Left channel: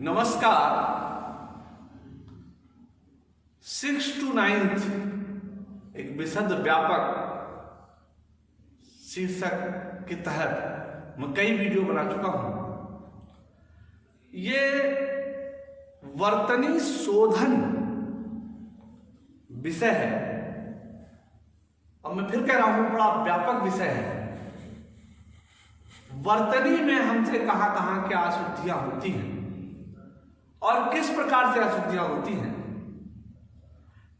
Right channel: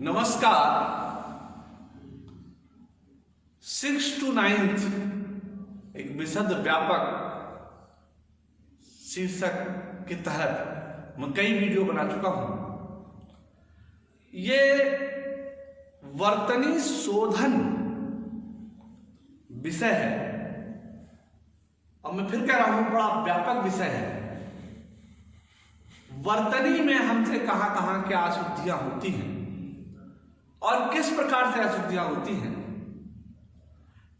नमस्कार। 6 to 9 एक विशद व्यापक शीर्षक के तहत मैं कई वीडियो बना चुका हूं। ये वर्तनी शोधन विषय है और मैं फिर कह रहा हूं बड़ा व्यापक विषय है। वर्तनी में हमसे कहां कहां क्या अशुद्धियां होती हैं और किस प्रकार से अशुद्धियां होती हैं,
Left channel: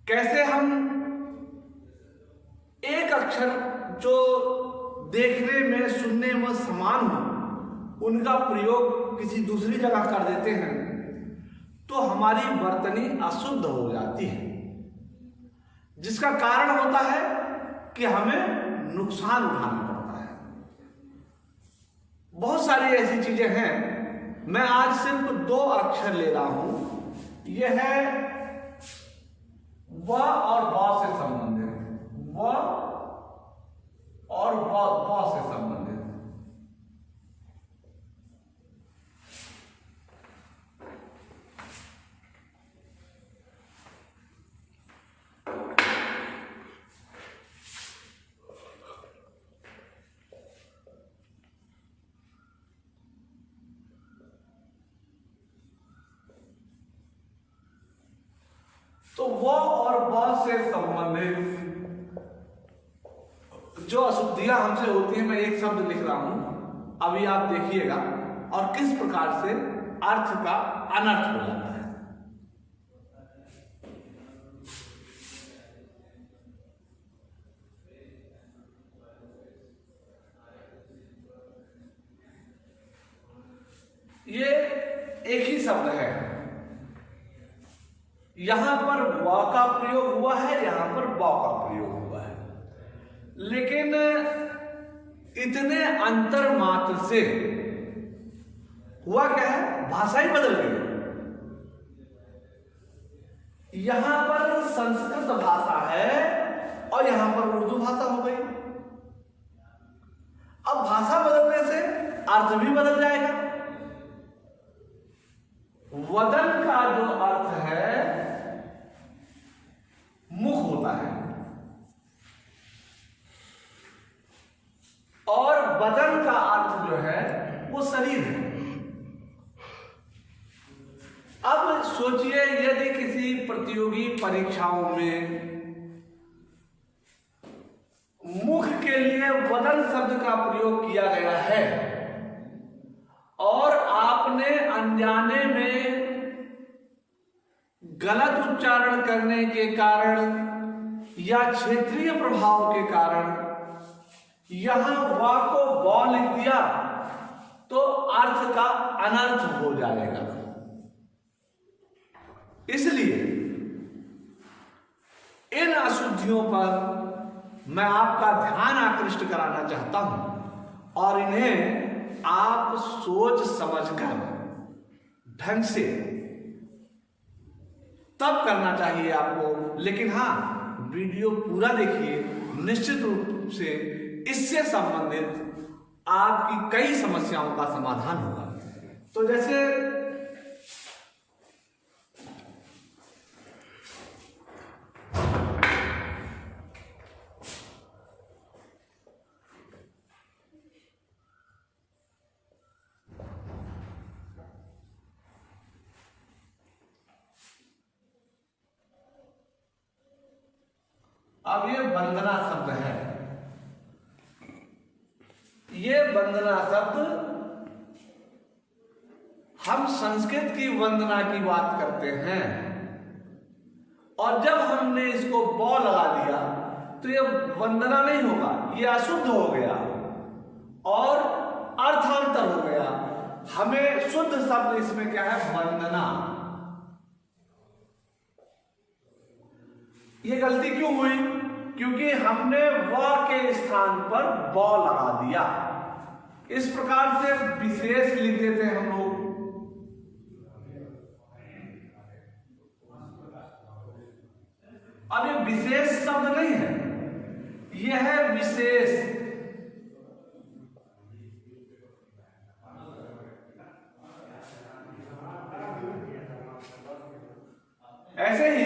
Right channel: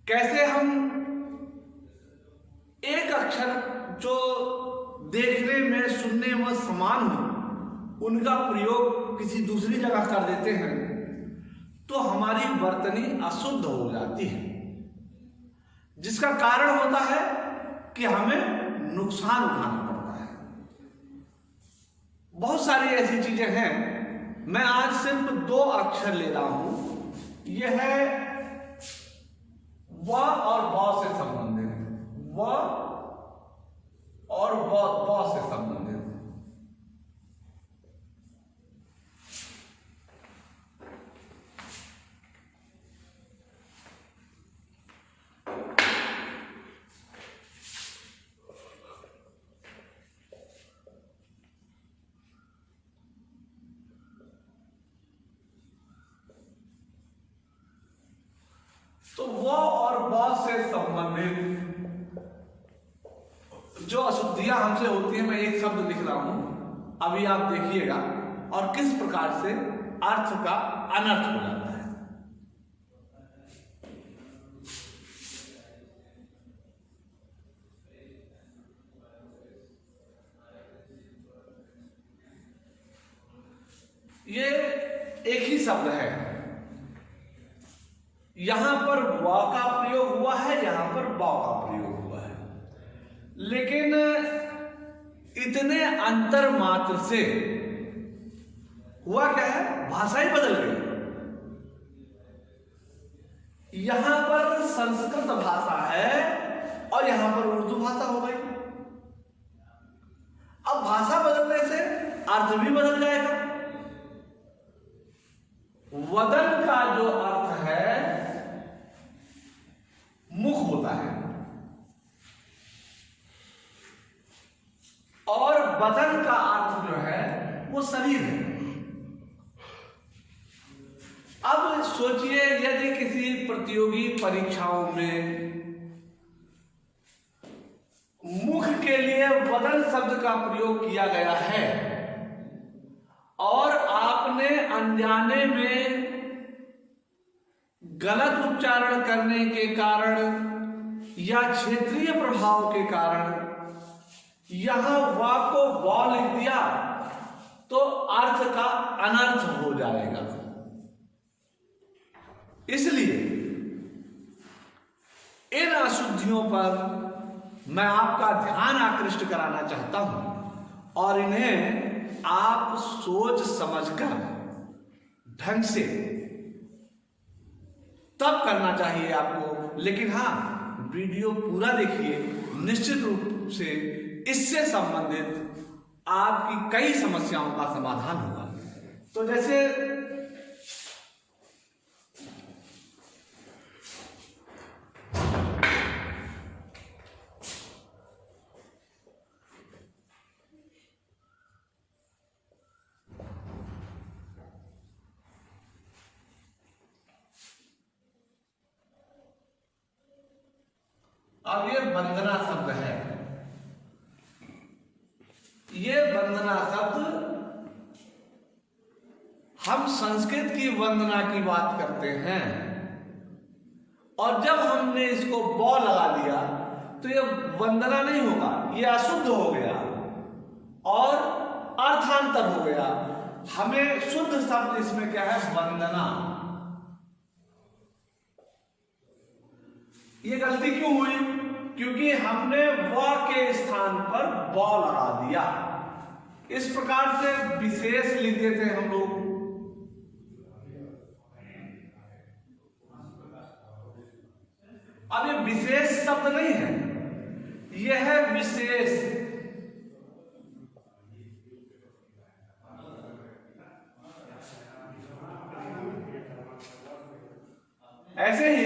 कैसे हम एक अक्षर जो देखने में सुनने में समान हो उनका प्रयोग किसी दूसरी जगह कर देते हैं तो हमारी वर्तनी अशुद्ध हो जाती है, जिसका कारण होता है कि हमें नुकसान उठाना पड़ता है। बहुत सारी ऐसी चीजें हैं। मैं आज सिर्फ 2 अक्षर ले रहा हूं। यह है व और ब से संबंधित, व और ब से संबंधित। तो व और ब से संबंधित जो अशुद्धियां हमसे होती हैं, मैं एक शब्द लिख रहा हूं, अभी आप देखिएगा और किस प्रकार से अर्थ का अनर्थ हो जाता है। ये एक ही शब्द है, यहां पर व का प्रयोग हुआ है, यहां पर ब का प्रयोग हुआ है, लेकिन इतने अंतर मात्र से हुआ क्या है, भाषा ही बदल गई। यहां पर संस्कृत भाषा है और यहां पर उर्दू भाषा हो गई। अब भाषा बदलने से अर्थ भी बदल जाएगा। वदन का जो अर्थ है मुख होता है और बदन का अर्थ जो है वो शरीर है। अब सोचिए, यदि किसी प्रतियोगी परीक्षाओं में मुख के लिए वदन शब्द का प्रयोग किया गया है और आपने अनजाने में गलत उच्चारण करने के कारण या क्षेत्रीय प्रभाव के कारण यहां वा को व लिख दिया तो अर्थ का अनर्थ हो जाएगा। इसलिए इन अशुद्धियों पर मैं आपका ध्यान आकृष्ट कराना चाहता हूं और इन्हें आप सोच समझकर ढंग से तब करना चाहिए आपको। लेकिन हां, वीडियो पूरा देखिए, निश्चित रूप से इससे संबंधित आपकी कई समस्याओं का समाधान होगा। तो जैसे अब ये वंदना शब्द है। ये वंदना शब्द, हम संस्कृत की वंदना की बात करते हैं और जब हमने इसको ब लगा दिया तो ये वंदना नहीं होगा, ये अशुद्ध हो गया और अर्थांतर हो गया। हमें शुद्ध शब्द इसमें क्या है, वंदना। ये गलती क्यों हुई? क्योंकि हमने व के स्थान पर ब लगा दिया। इस प्रकार से विशेष लिख देते हैं हम लोग। अब ये विशेष शब्द नहीं है, यह है विशेष। ऐसे ही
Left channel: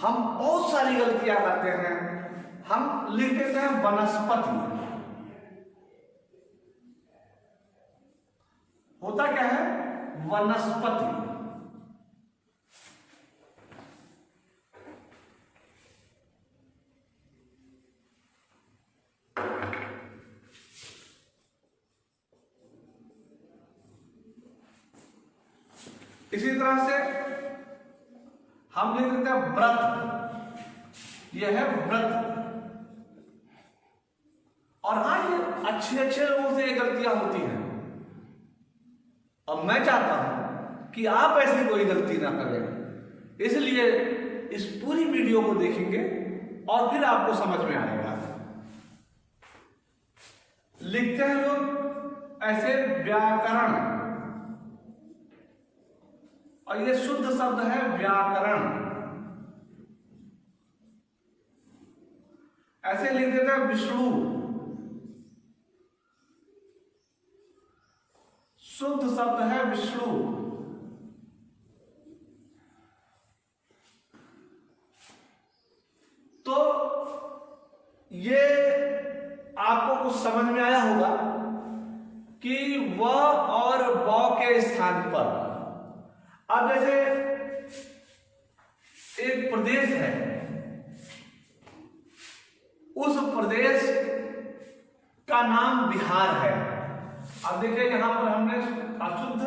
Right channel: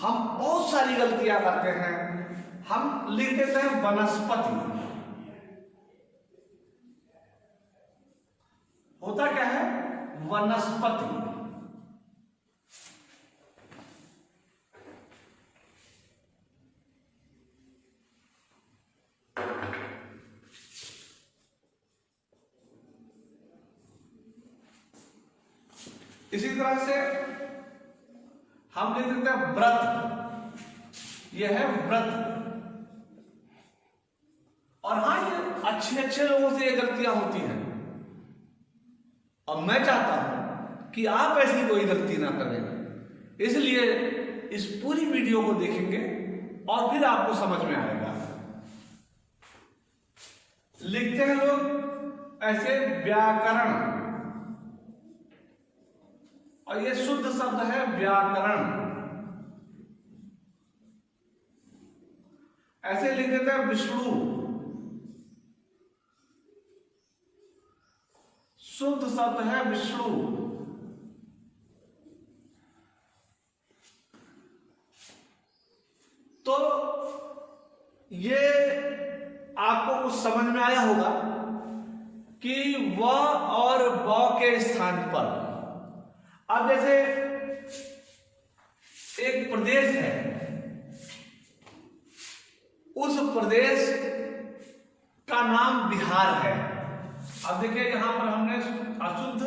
हम बहुत सारी गलतियां करते हैं। हम लिख देते हैं वनस्पति। होता क्या है? वनस्पति। इसी तरह से हम लिख देते हैं व्रत। यह है व्रत। और हाँ, ये अच्छे लोगों से ये गलतियां होती हैं। अब मैं चाहता हूं कि आप ऐसी कोई गलती ना करें, इसलिए इस पूरी वीडियो को देखेंगे और फिर आपको समझ में आएगा। लिखते हैं लोग ऐसे व्याकरण, और ये शुद्ध शब्द है व्याकरण। ऐसे लिख देते हैं विष्णु। शुद्ध शब्द है विष्णु। तो ये आपको कुछ समझ में आया होगा कि व और ब के स्थान पर, अब जैसे एक प्रदेश है, उस प्रदेश का नाम बिहार है। अब देखिए यहां पर हमने अशुद्ध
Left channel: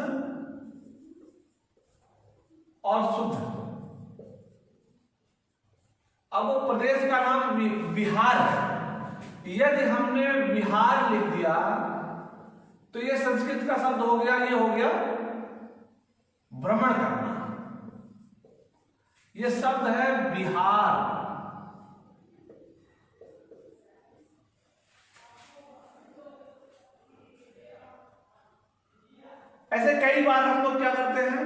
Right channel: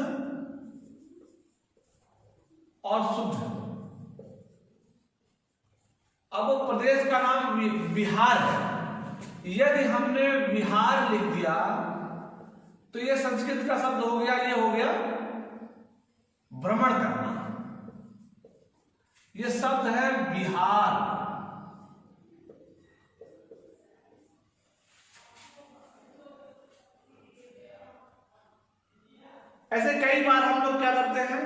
और शुद्ध। अब वो प्रदेश का नाम बिहार है। यदि हमने बिहार लिख दिया तो ये संस्कृत का शब्द हो गया, ये हो गया भ्रमण करना। ये शब्द है बिहार। ऐसे कई बार हम लोग क्या करते हैं,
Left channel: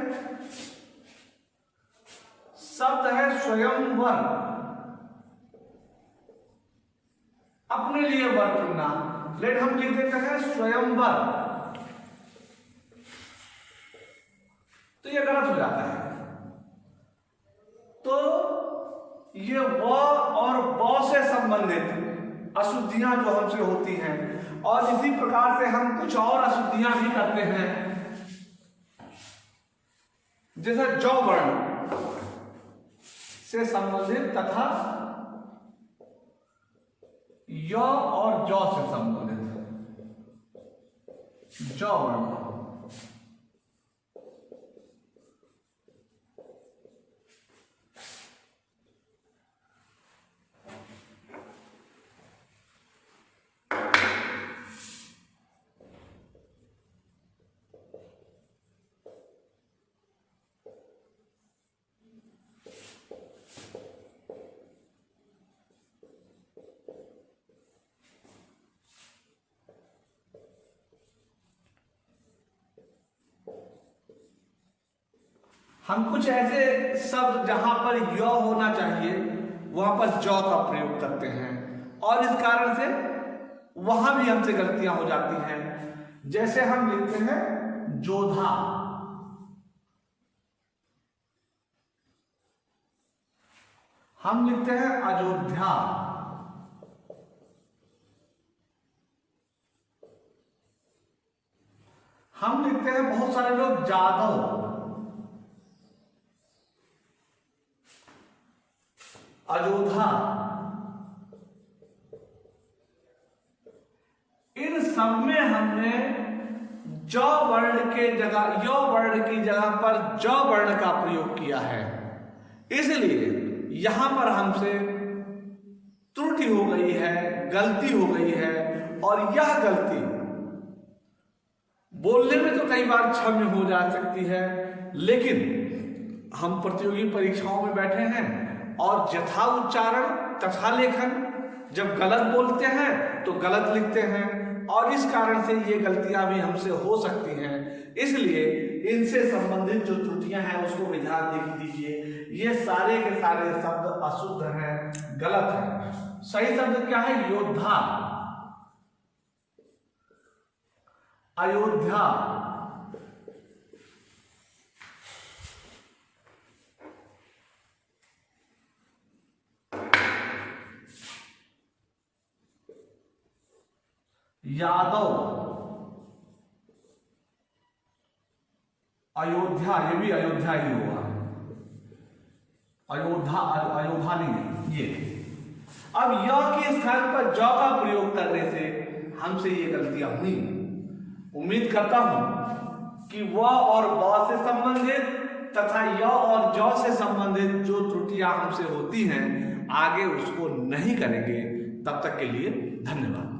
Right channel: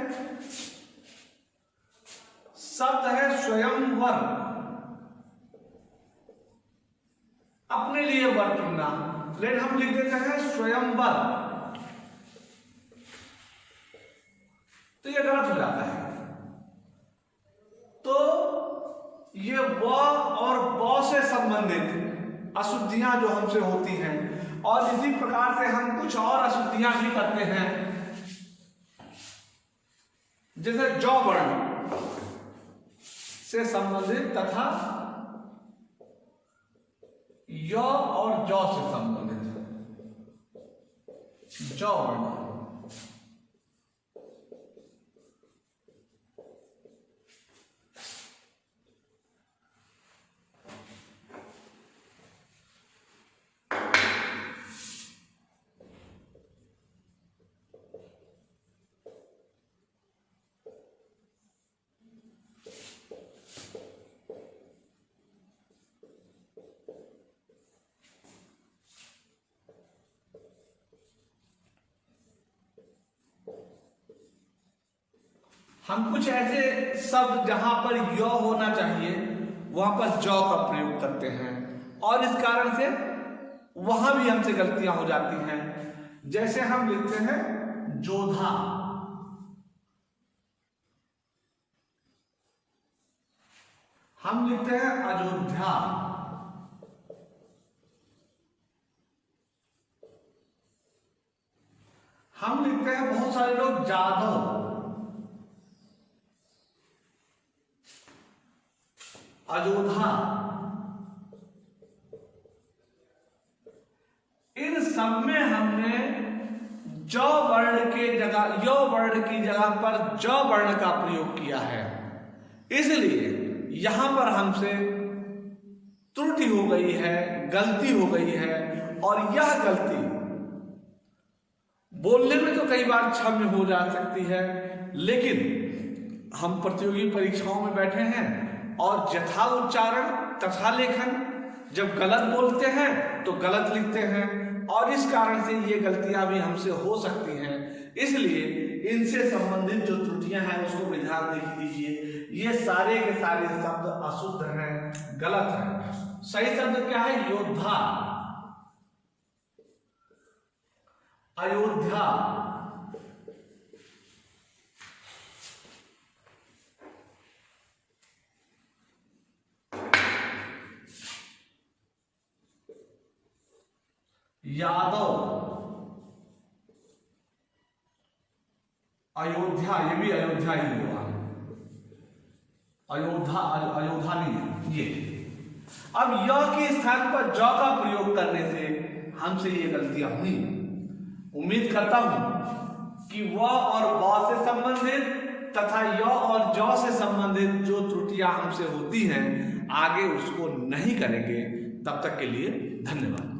शब्द है स्वयंवर। अपने लिए वर चुनना, लेकिन हम लिख देते हैं स्वयंवर, तो ये गलत हो जाता है। तो ये व और ब से संबंधित अशुद्धियां जो हमसे होती हैं, और इसी प्रकार से हम कुछ और अशुद्धियां भी करते हैं, जैसे जौ वर्ण से संबंधित तथा य और जौ से संबंधित जौ वर्ण। हम कुछ ऐसे शब्द जहां पर य होना चाहिए वहां पर जौ का प्रयोग करते हैं, और इस कारण से वहां भी हमसे गलतियां हो जाती हैं। जैसे हम लिखते हैं जोधा, हम लिखते हैं अयोध्या, हम लिखते हैं बहुत सारे लोग जादव, अयोध्या। इन सब में हमने ज वर्ण के जगह य वर्ण की जगह पर ज वर्ण का प्रयोग किया है, इसलिए यहां पर हमसे त्रुटि हो गई है, गलती हो गई है। और यह गलती बोलने में तो कई बार क्षम्य हो जा सकती है, लेकिन हम प्रतियोगी परीक्षाओं में बैठे हैं और यथा उच्चारण तथा लेखन, जब गलत बोलते हैं तो गलत लिखते हैं, और इस कारण से ये गलतियां भी हमसे हो सकती हैं। इसलिए इनसे संबंधित जो त्रुटियां हैं उसको भी ध्यान दीजिए। ये सारे के सारे शब्द अशुद्ध हैं, गलत हैं। सही शब्द क्या है? योद्धा, अयोध्या। यादव, अयोध्या, ये भी अयोध्या ही होगा, अयोध्या नहीं है ये। अब य के स्थान पर ज का प्रयोग करने से हमसे ये गलतियां हुई। उम्मीद करता हूं कि व और ब से संबंधित तथा य और ज से संबंधित जो त्रुटियां हमसे होती हैं आगे उसको नहीं करेंगे। तब तक के लिए धन्यवाद।